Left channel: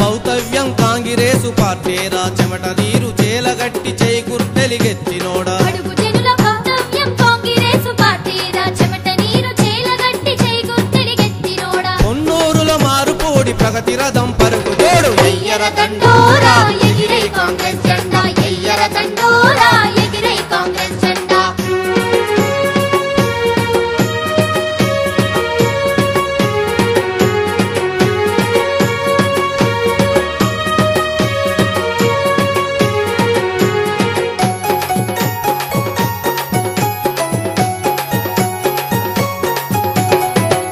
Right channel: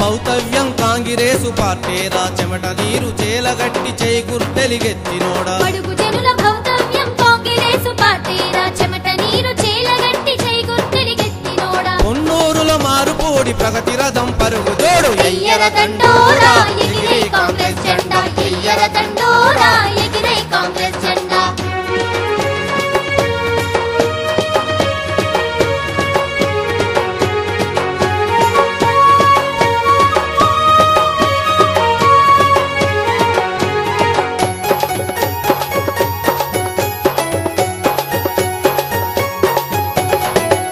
భౌతవ్యం కాంగ్రెసు పార్టీరా చెమట నీరు చేలగట్టి చేయి గుర్తెలిగెత్తినోడా బడుగు జనుల భౌతవ్యం కాంగ్రెసు పార్టీరా చెమట నీరు చేలగట్టి చేయి గుర్తెలిగెత్తినోడా కొన్నూరుల మారుపోడి ప్రగతి రథం పరుగు జోడు ఎయ్యర దండోరా ఎగిరే కాంగ్రెస్ జెండా ఎయ్యర దండోరా ఎగిరే కాంగ్రెస్ జెండా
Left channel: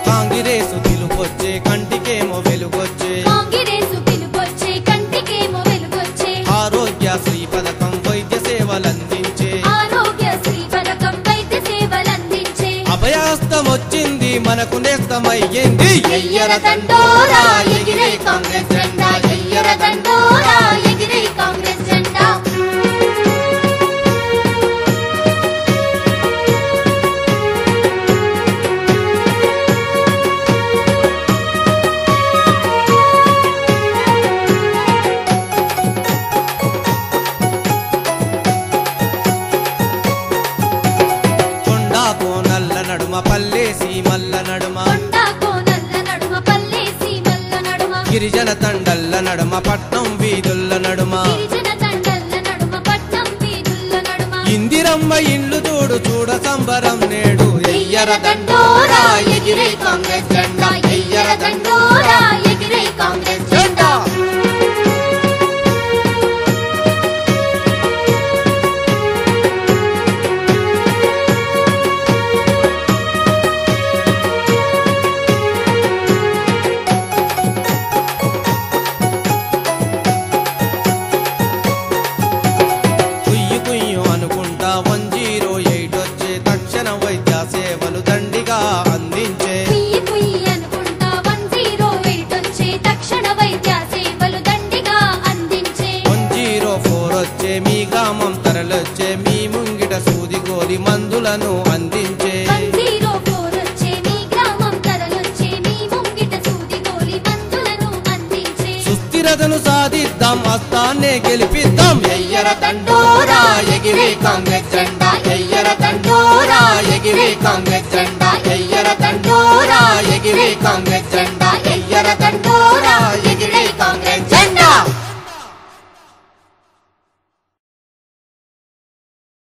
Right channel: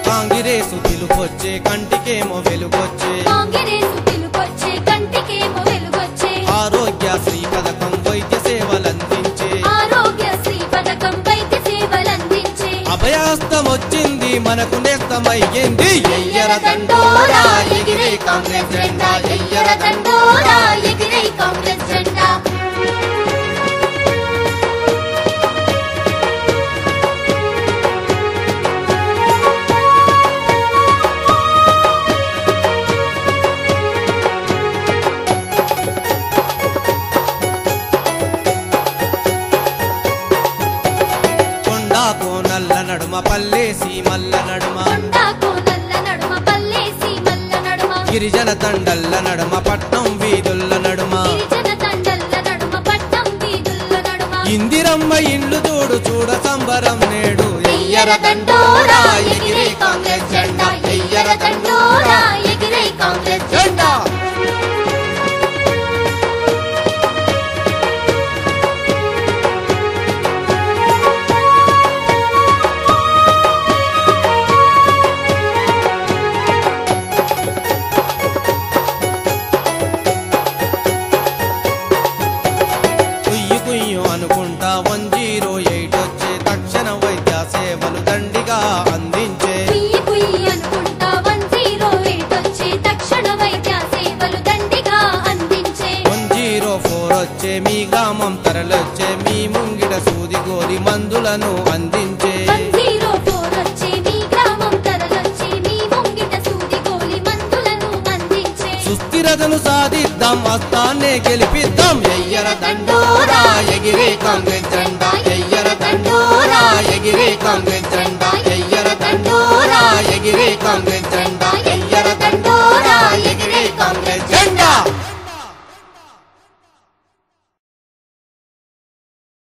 కాంగ్రెసు పిలుపొచ్చే కంటికేమో వెలుగొచ్చే కాంగ్రెసు పిలుపొచ్చే కంటికేమో వెలుగొచ్చే ఆరోగ్యశ్రీ పథకం వైద్య సేవలందించే ఆరోగ్యశ్రీ పథకం వైద్య సేవలందించే అభయాస్తం వచ్చింది మనకు నేస్తమయ్యింది ఎయ్యర దండోరా ఎగిరే కాంగ్రెస్ జెండా ఎయ్యర దండోరా ఎగిరే కాంగ్రెస్ జెండా కొండాకో నల్ల నడుమ పల్లేసి మల్ల నడుమ కొండాకో నల్ల నడుమ పల్లేసి మల్ల నడుమ గిరిజన తండల్ల నడుమ పట్నం వీధుల్ల నడుమ గిరిజన తండల్ల నడుమ పట్నం వీధుల్ల నడుమ ఇందిరమ్మ ఇండ్లు చూడు చూడ సంబరం నేడు ఎయ్యర దండోరా ఎగిరే కాంగ్రెస్ జెండా ఎయ్యర దండోరా ఎగిరే కాంగ్రెస్ జెండా కుయ్యి కుయ్యు అనుకుంటా 108 వచ్చే తక్షణ వైద్య సేవలు దండిగా అందించే కుయ్యి కుయ్యి అనుకుంటా 108 వచ్చే తక్షణ వైద్య సేవలు దండిగా అందించే 104 వచ్చే మీ గ్రామం తరలొచ్చే మీ ముంగిట సూది గోలి మందులను అందించే 104 వచ్చే మీ గ్రామం తరలొచ్చే మీ ముంగిట సూది గోలి మందులను అందించే సుస్థిరతను సాధిద్దాం అస్తాన్నే గెలిపిద్దాం ఎయ్యర దండోరా ఎగిరే కాంగ్రెస్ జెండా ఎయ్యర దండోరా ఎగిరే కాంగ్రెస్ జెండా ఎయ్యర దండోరా ఎగిరే కాంగ్రెస్ జెండా